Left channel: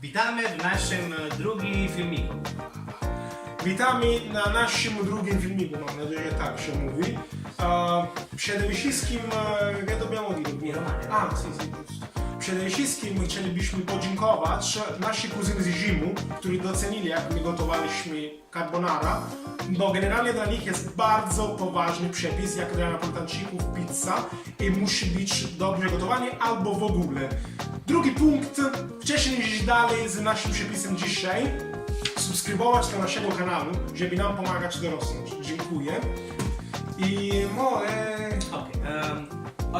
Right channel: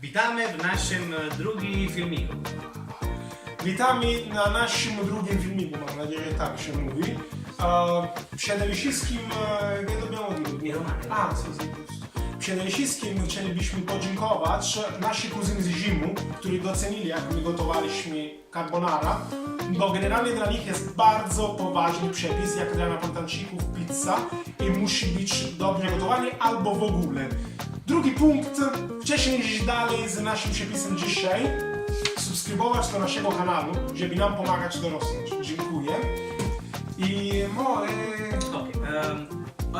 Witamy w naszym drugim filmiku. Witamy na naszym drugim filmiku, mam nadzieję, że tak się mówi. E, Przede wszystkim, e, wiadomo, a, si, si, Przede wszystkim chcielibyśmy podziękować nasi kuzyny z Rzymu, którzy docenili, jak my gotowaliśmy carbonara, bo generalnie dla nich jest bardzo poważny przepis, jak dla Napolitańczyków pizza i musi być dobrze gotowanie albo w ogóle. Drugi punkt, wcześniej niż dalej z naszym przepisem dzisiaj, subskrybować do naszego kanału, żeby nam pomagać dorosnąć. Dziękuję.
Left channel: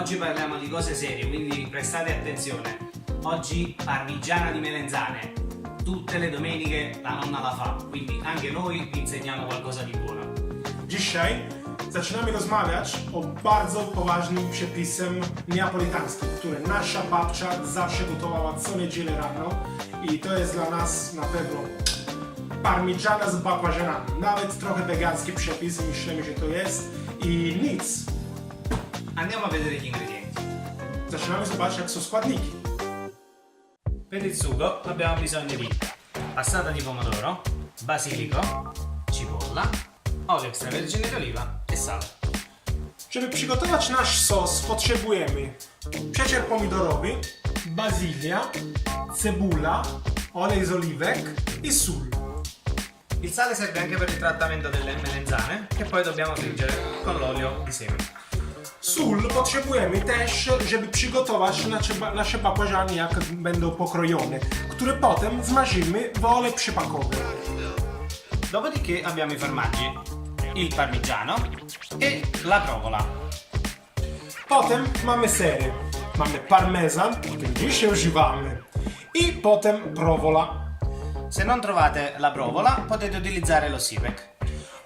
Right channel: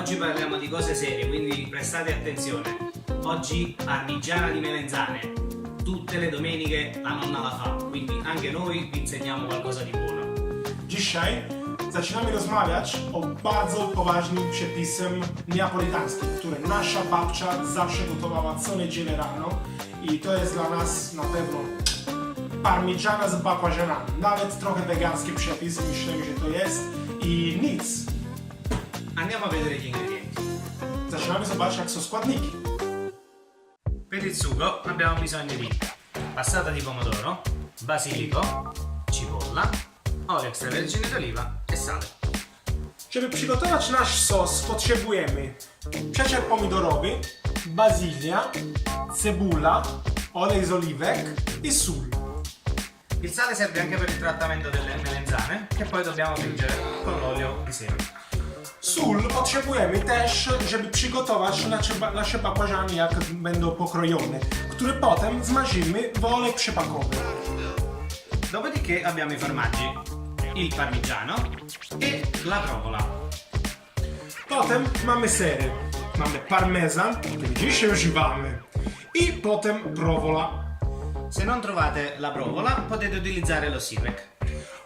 Oggi parliamo di cose serie, quindi prestate attenzione. Oggi parmigiana di melenzane. Tutte le domeniche la nonna la fa, quindi anche noi vi insegniamo qualcosa di buono. dzisiaj zaczynamy rozmawiać o bardzo poważnym przepisem neapolitańskim, który nasza babcia zawsze gotowała co niedzielę rano i to jest dla nas na pewno parmigiana z bakłażanami. Nawet trochę wegański przepis, myślimy, że to jest i nic. Andiamo a vedere gli ingredienti. Zaczynamy zobaczyć, jak są składniki. Per il sugo abbiamo bisogno di passata di pomodoro, basilico, cipolla, olio extravergine d'oliva e sale. Żeby przygotować nasz sos, potrzebujemy przecier pomidorowy, bazylia, cebula, olej z oliwek i sól. Il sale serve anche per il trattamento delle melenzane che poi dobbiamo friggere con l'olio di seme. Sól potrzebujemy też, żeby przygotować nasze, nasze bakłażany, jak będą pokrojone, które potem zmarzymy w olej przypakowy. Dopodiché abbiamo i formaggi, il parmigiano e la provola. Potem mamy sery. Mamy parmezan, który dzisiaj używamy. I potem prowola. Se non trovate la provola potete utilizzare lo sipek.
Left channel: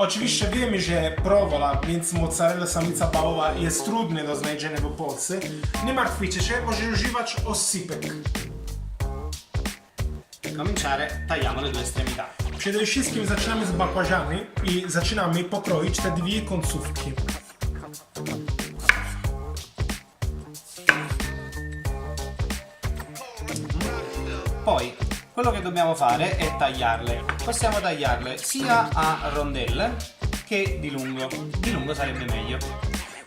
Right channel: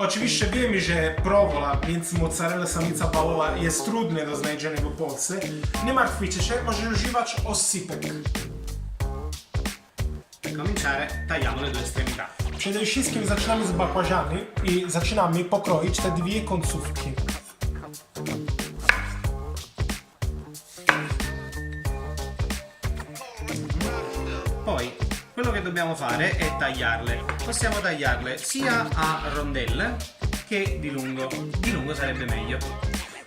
Oczywiście wiemy, że prowola, więc mozzarella samica bałowa jest trudne do znalezienia w Polsce. Nie martwicie się, możecie używać oscypek. Per cominciare tagliamo le due estremità. Przede wszystkim zaczynamy z bakłażany i zaczynamy pokroić te dwie końcówki. Dobbiamo fare è tagliarle. Possiamo tagliarle sia a rondelle che di lungo. Di lungo sarebbe meglio.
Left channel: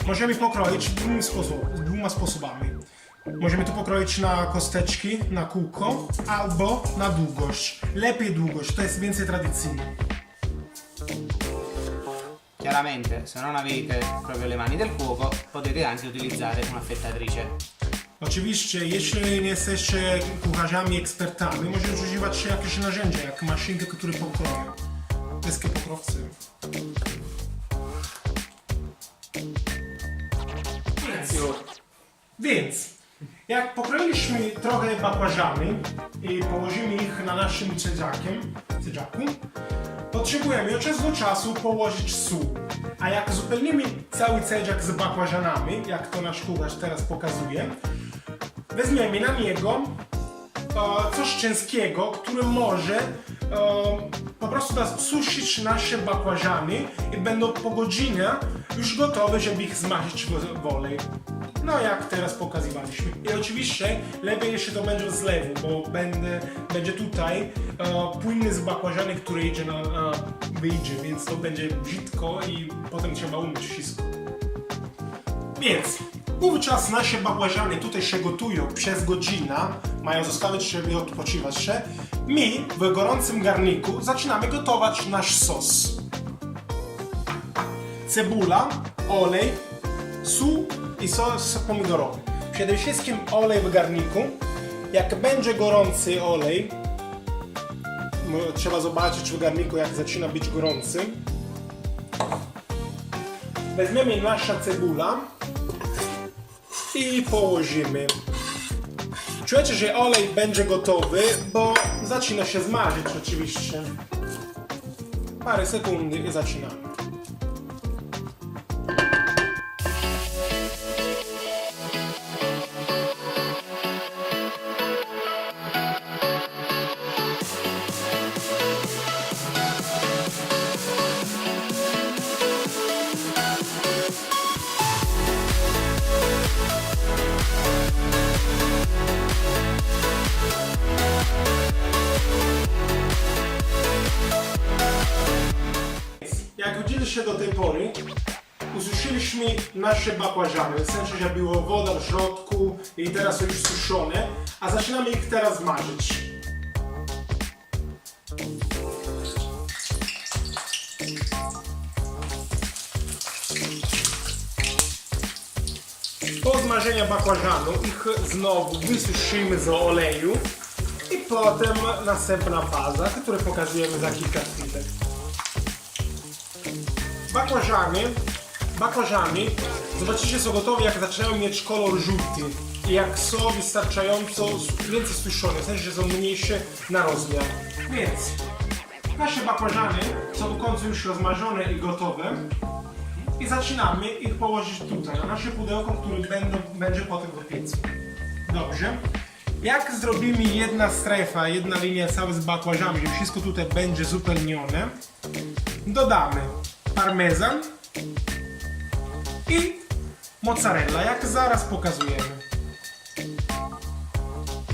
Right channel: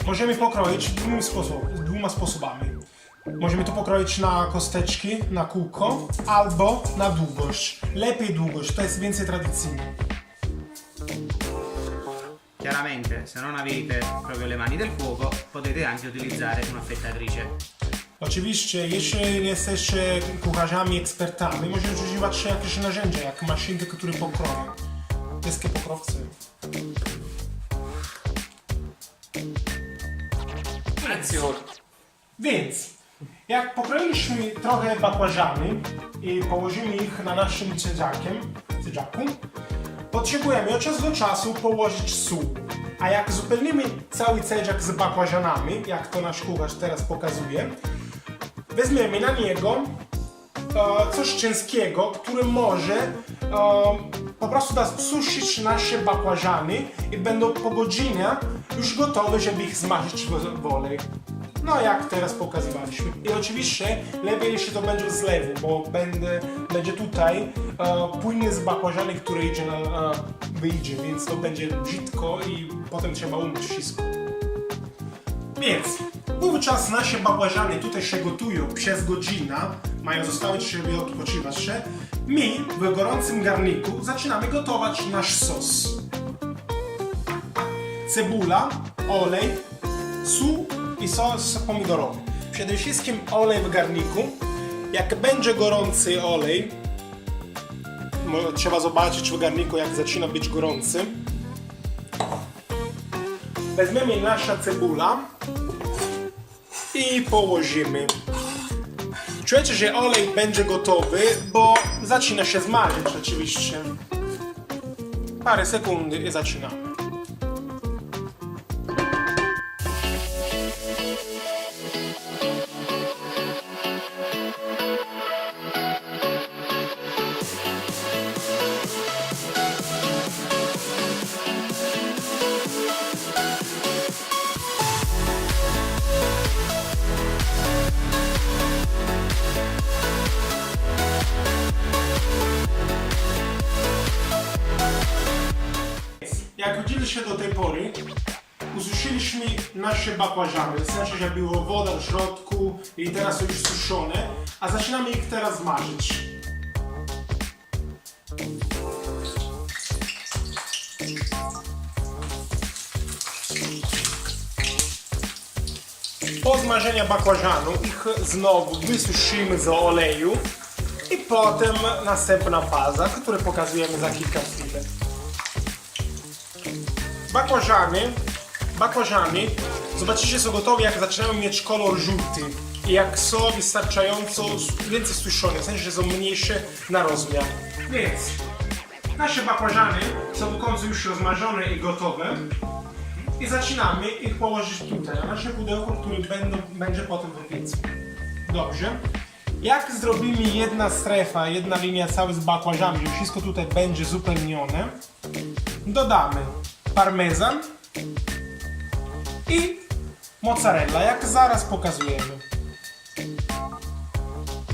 Możemy pokroić dwóm sposob, dwoma sposobami. Możemy to pokroić na kosteczki, na kółko, albo na długość. Lepiej długość, to jest więcej tradycyjne. Chiaramente, se non avete proprio le mani del fuoco, potete anche utilizzare un'affettatrice. Oczywiście, jeśli nie jesteście kucharzami, ekspertami, możecie używać jakieś narzędzia, jak maszynkę, które pokroją. Deskie pokrowcy. Więc, jak pokroiliśmy trochę bakłażany i położymy ich na naszym cedzakiem, cedzaku, potrzebujemy od czasu do czasu położyć sól. A jak uzupełnimy cały cedzak z bakłażanami, jak to nasz kucharz teraz pokazuje, weźmiemy na niego e, coś ciężkiego, które może e, po prostu da suszyć nasze bakłażany i będą po godzinie już gotowe, żeby ich zmażyć w, olej. No jak teraz pokazywaliśmy. I oczywiście lepiej jeśli to będzie z lewu, bo będę, będzie tutaj e, płynny z bakłażany, który idzie na, na wyjdzie, więc to będzie brzydko i potem trzeba umyć wszystko. Więc wówczas nasze bakłażany tutaj się gotują przez godzinę, mają zostawić się i odpoczywać się. My w gorącym garniku zaczynamy gotować nasz sos. Cebula, olej, sól i sos pomidorowy. Przede wszystkim olej w garniku. Jak będzie gorący olej, trzeba zobaczyć w garniku jak zaczyna być gorący. Weźmiemy nasza cebula i położymy. Czujecie, że olej będzie gotowy, bo zaczyna się zmarzyć oczywiście. Parę sekund i zaczynamy. Widzieliście do tej pory, ususzyliśmy nasze bakłażany, w sensie, że było woda w środku i teraz są już suszone, a zaczynamy ich teraz smażyć. Po zmażeniu bakłażanu ich znowu wysuszymy z oleju i potem następna faza, którą pokazujemy za kilka chwilek. Bakłażany, bakłażany, zobaczycie są gotowe jak zaczynają mieć kolor żółty i jak są wystarczająco więcej suszone, w sensie, że są mniejsze na rozmiar. Więc nasze bakłażany są w końcu już rozmarzone i gotowe i zaczynamy ich położyć tutaj, na nasze pudełko, które będą, będzie potem w piecu. Dobrze. Jak zrobimy jedna strefa, jedna linia cały z bakłażami, że wszystko tutaj będzie zupełnione, dodamy parmezan i mozzarella, jak zaraz pokazujemy.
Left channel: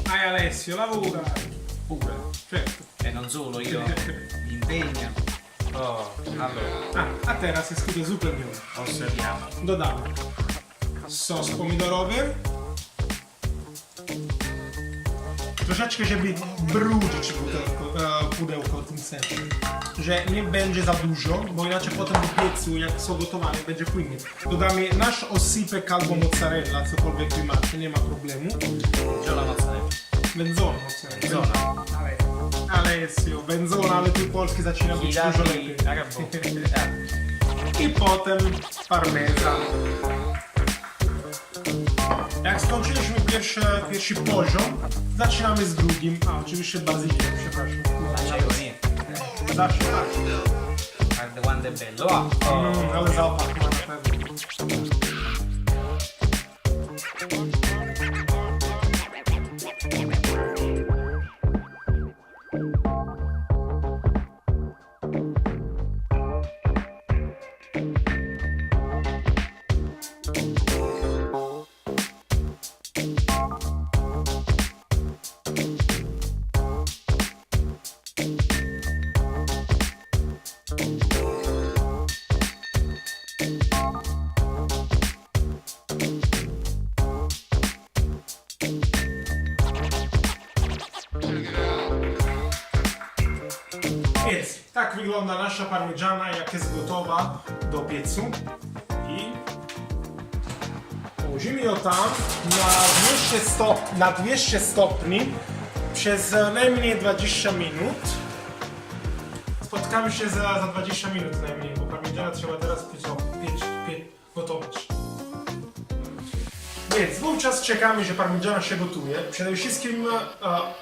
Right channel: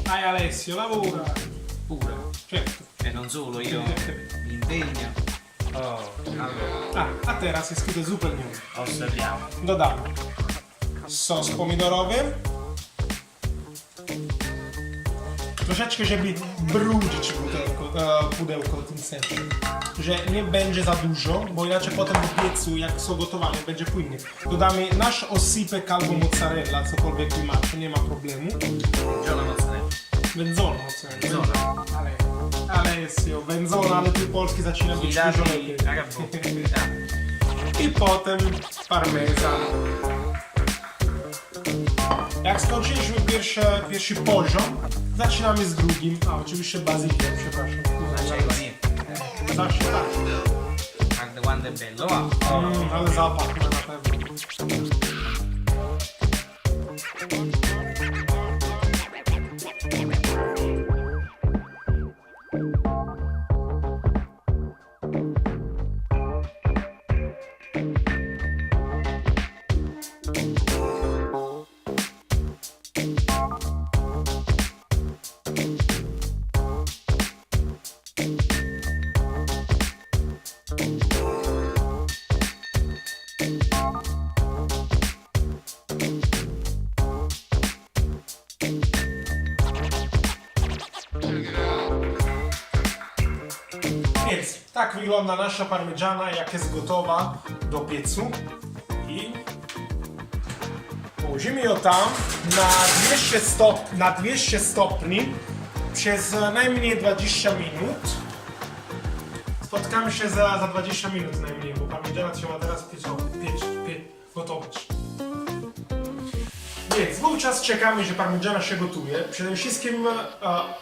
Dai Alessio, lavora pure, certo. E non solo, io mi impegno. Oh, allora, A, a teraz jest tutaj zupełnione. osserviamo. Dodamy sos pomidorowy. Troszeczkę, żeby brudzić pudełko, e, pudełko w tym sensie. Że nie będzie za dużo, bo inaczej potem w piecu, jak są gotowane, będzie płynnie. Dodamy nasz osypek albo mozzarella, cokolwiek wy macie, nie ma problemu. La mozzarella. Wędzona mozzarella. Wędzona. Ale, ale jest ją wędzona, ale tu polski zaczyna I być dużo lepiej. gabbo. I potem parmezan. Jak skończyliśmy pierwszy, pierwszy poziom, zaczynamy z drugim. A, oczywiście bazylią, przepraszam. Sasha. And the one that Belloa. That was all popular. Tak wygląda nasza parmigiana, jak jest gotowa do piecu. I położymy ją tam na 200, stop, na 200 stopni przez najmniej 20 minut. Spotkamy się za, za 20 minut najmniej, bo parmigiana trzeba teraz piec, piec, piec, gotować. Wówczas czekamy, że parmigiana się gotuje. Przede wszystkim, uh,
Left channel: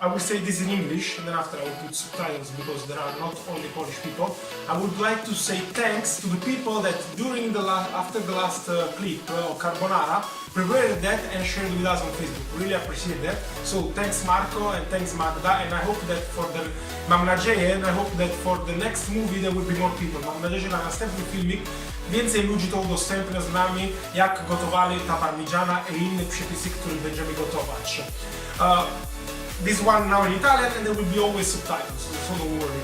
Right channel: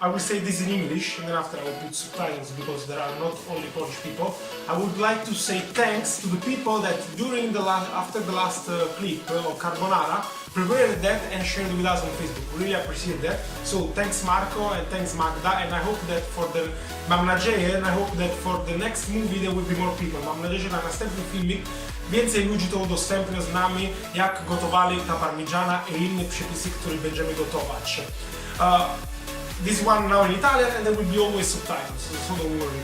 I will say this in English, and then after I will put subtitles because there are not only Polish people. I would like to say thanks to the people that during the last, after the last uh, clip uh, of Carbonara, prepared that and shared with us on Facebook. Really appreciate that. So thanks Marco and thanks Magda, and I hope that for the, mam nadzieję, and I hope that for the next movie there will be more people. Mam nadzieję, że na następny filmik więcej ludzi to udostępnia z nami, jak gotowali ta parmigiana i inne przepisy, które będziemy gotować. Uh, this one now in Italian and there will be always subtitles, so don't worry.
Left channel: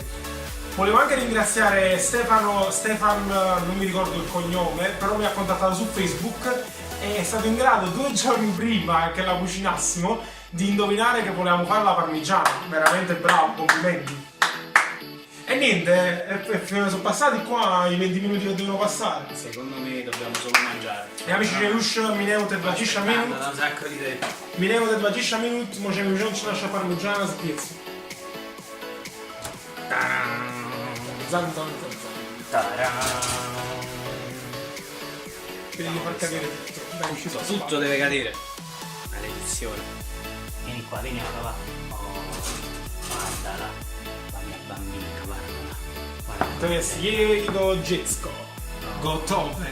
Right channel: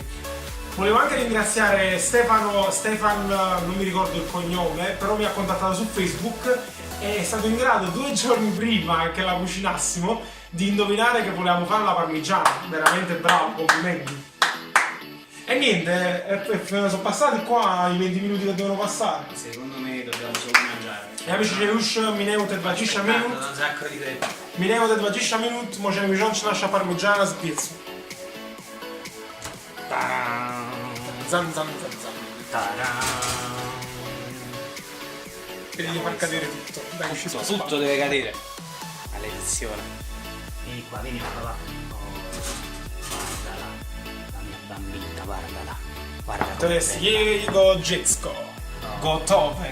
Volevo anche ringraziare Stefano, Stefan, eh, non mi ricordo il cognome, però mi ha contattato su Facebook e è stato in grado due giorni prima che la cucinassimo di indovinare che volevamo fare la parmigiana. Veramente bravo, complimenti. E niente, eh, eh, sono passati qua i 20 minuti che devono passare. Secondo me dobbiamo solo mangiare. I amici, że już minęło te 20 Aspettando minut. un sacco di tempo. Minęło te 20 minut, możemy wziąć nasza parmigiana z piecu. Zam, zam, zam, zam. Devi far cadere tutto. Dai. Tutto deve cadere. Maledizione. Vieni qua, vieni qua, va. Oh, guardala, la mia bambina, guardala. To Guardala. jest jego dziecko. Gotowe.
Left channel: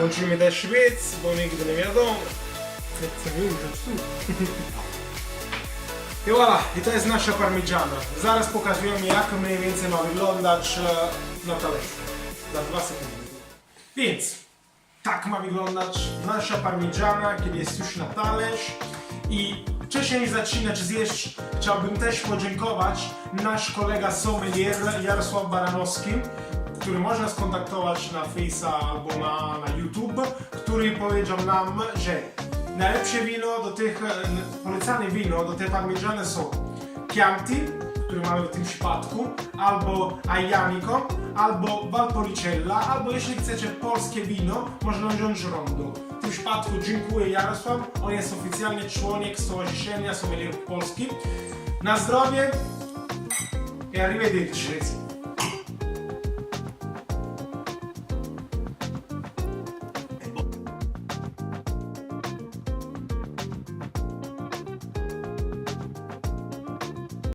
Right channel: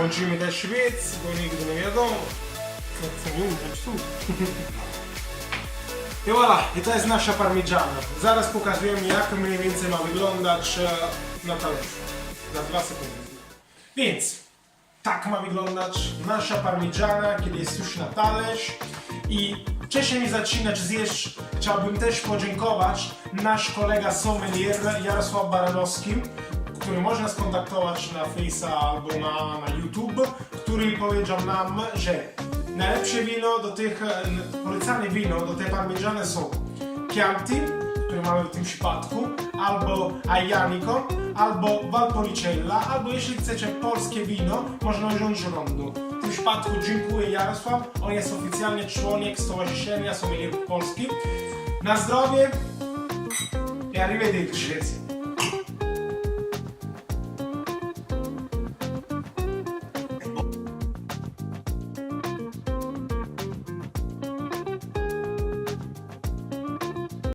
Łączymy też świec, bo nigdy nie wiadomo. Jak chcę wyłączyć tu. I voilà, i to jest nasza parmigiana. Zaraz pokazujemy jak mniej więcej ma wyglądać e, na talerzu. Za dwa sekundy. Więc tak ma wyglądać nasza parmigiana, kiedy jest już na talerz. I Wcześniej zaczynać zjeść, chciałbym też podziękować nasz kolega sommelier Jarosław Baranowski, który można skontaktować na Face'a albo na, na YouTube, który powiedział nam, że najlepsze wino do tych, e, polecane wino do tej parmigiane są Chianti, który mamy w tym przypadku, albo Aglianico, albo Valpolicella, albo jeśli chcecie polskie wino, można wziąć Rondo. W tym przypadku dziękuję Jarosław, on jest oficjalnie członek Stowarzyszenia Sommelierów Polski. Na zdrowie i arrivederci.